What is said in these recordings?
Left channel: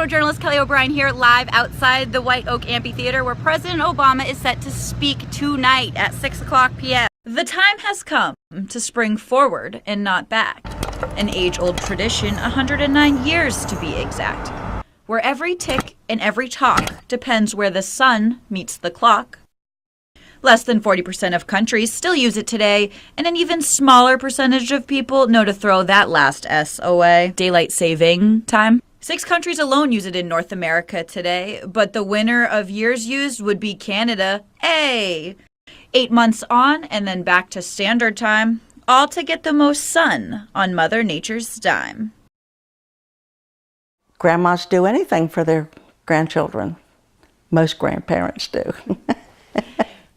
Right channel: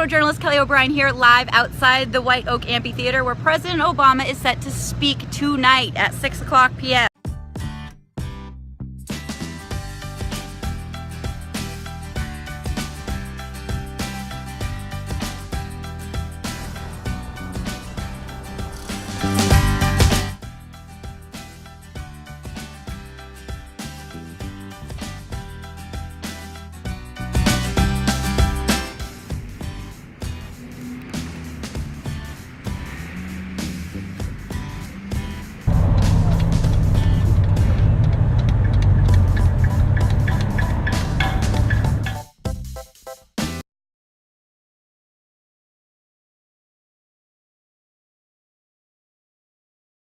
photojournalist Kelly O'Brien here, live outside the White Oak Amphitheater, where President Obama is set to speak tonight at 6 o'clock p.m. The time has come to spring forward and not back. An age-old tradition, 109 years to be exact, where every tick and every talk depends where the sun meets the clock. Less than 40% of countries still use it today, and an even smaller percentage of people know to throw that last S away. Daylight saving time. 6 countries alone use it in North America today, but the winner of years used would be Canada. 8 months on and then back to standard time, all to get the most sun on Mother Nature's dime. Grandmas do anything for their grandchildren. Most grandparents do.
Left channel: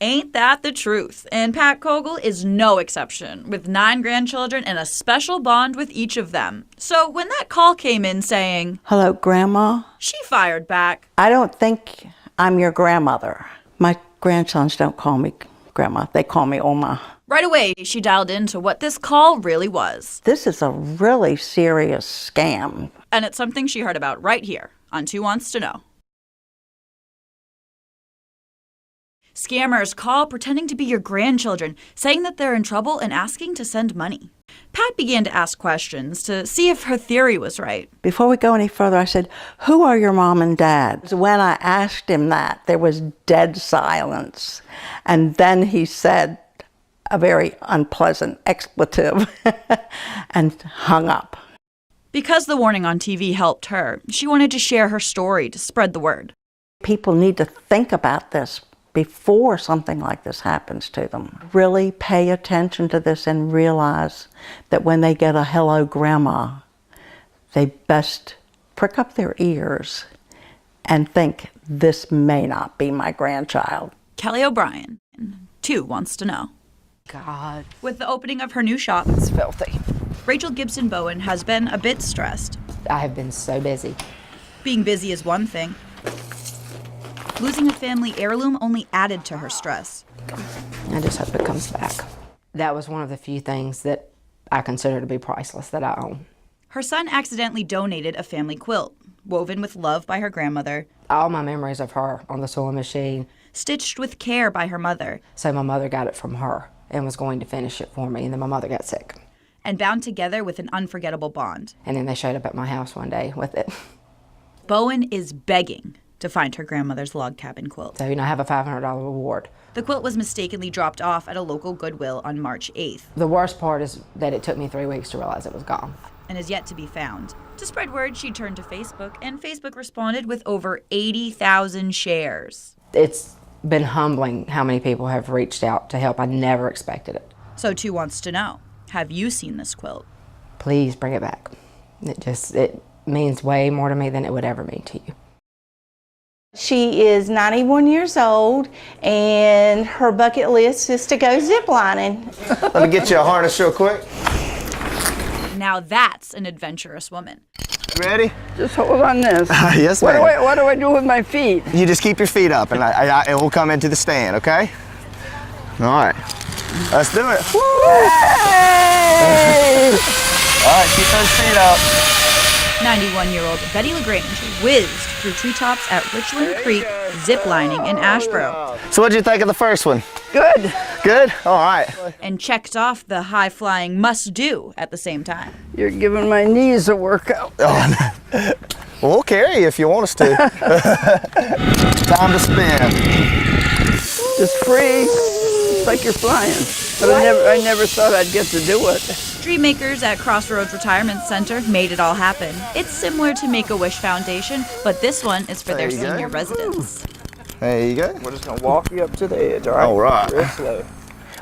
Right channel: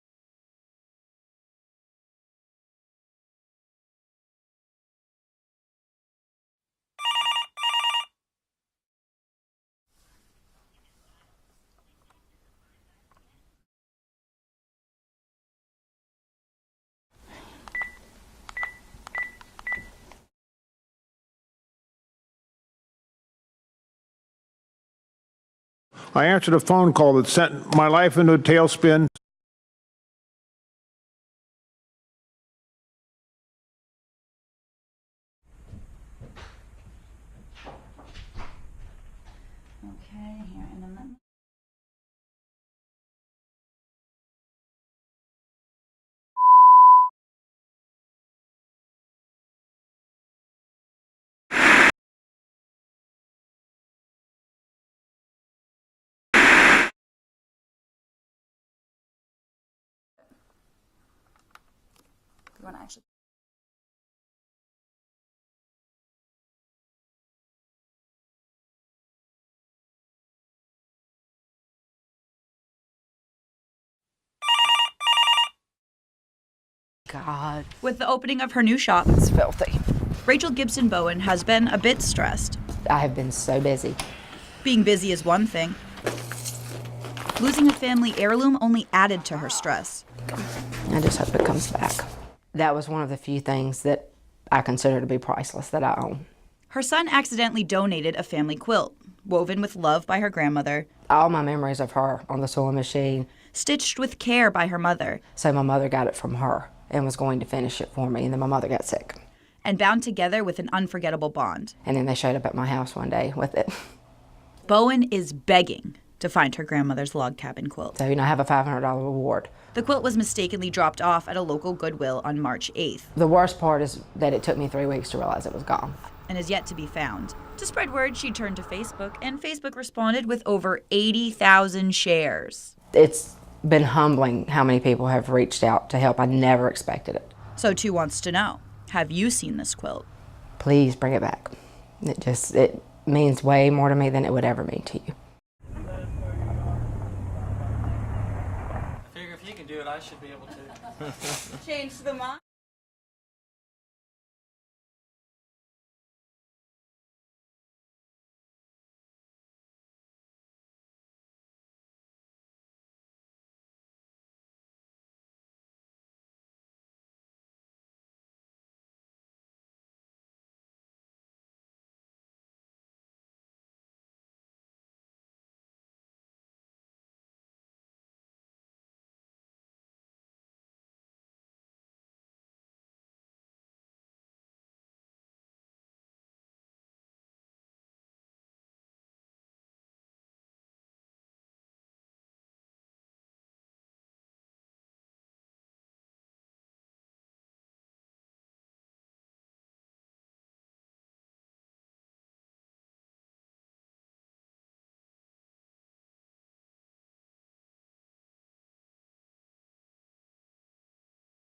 Ain't that the truth? And Pat Kogel is no exception, with 9 grandchildren and a special bond with each of them. So when that call came in saying, "Hello, Grandma," she fired back, "I don't think I'm your grandmother." My grandsons don't call me Grandma, they call me Oma. Right away, she dialed into what this call really was. This is a really serious scam. And it's something she heard about right here on Two Wants to Know. I answered a phone call that sent my life into a tailspin. Scammers call pretending to be your grandchildren, saying that they're in trouble and asking to send money. Pat began to ask questions to see if her theory was right. Before we go any further, I said, "Who are your mom and dad?" When I asked him that, there was dead silence. And then he said a very unpleasant expletive and hung up. Because the warning on TV helped her, she wanted to share her story to spread the word. People need to think about this before something like this happens to them. Really pay attention to this and realize that when they get a "hello, Grandma," they best prick up their ears and think, this may not be my grandchild. Kelly O'Brien, Two Wants to Know. God. With the opening of her new shop, It's filthy. Rachel Gibson Bowen has been a bit stressed. I have been so busy. Being busy is one thing. Losing a family heirloom only added to her stress. I just hope it comes back. That was one of the few things that I consider to be priceless that I own. Her son accidentally donated a family quilt, woven with love by her grandmother, All my memories of her on the sewing machine. stitched with care by her mother, So my mother got it from her and was going to finish it for me, and then my mother got sick. and bound together with an unforgettable bond. And then they showed up at my house one day with it. Bowen is begging to find her grandmother's log cabin quilt. So, I have a $500 reward. The quilt was mistakenly dropped off at a local Goodwill on March 8th The worst part is that it took me 3 weeks to realize it was gone. and is yet to be found. To spread word, she turned to Facebook, and Facebook responded with over 80,000 shares. It's been humbling how many people have reached out to help. I never expected it. So Two Wants to Know, have you seen this quilt? Please bring it back. It means way more to me than it would ever mean to you. She is 91 years old, and her bucket list is to go ziplining. Let me get you a harness real quick. Now that's an adventurous woman. Ready? Just hold on this. Yes, ma'am. What do I do with my feet? You just keep your feet up, and it will come into the stand, okay? All right. Let's do it. Woo! Hey! All right, keep those feet up. 91-year-old Betty LaGrange whizzed through treetops at Richland Creek, ziplining in Asheboro, So what'd you think of the first one? Good. Good? All right. and checked off the high-flying must-do at the same time. You're giving my knees a workout. Oh, no. We'll carry you if you want us to. Time to spin. It's free. It's like you're flying. But I never thought I'd get to do it. Dream makers at Crossroads Retirement Center made it all happen. It's similar to Make-A-Wish Foundation, but this one is for their There you go. senior residents. There you go. We're just gonna walk you up to the edge, all right? All right. Real slow.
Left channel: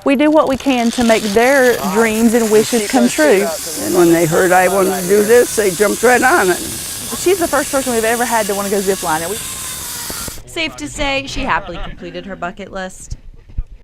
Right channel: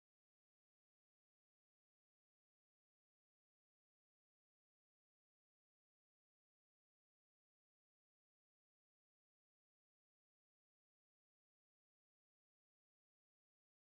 We do what we can to make their dreams and wishes come true. And when they heard I wanted to do this, they jumped right on it. She's the first person we've ever had to want to go ziplining. Safe to say, she happily completed her bucket list.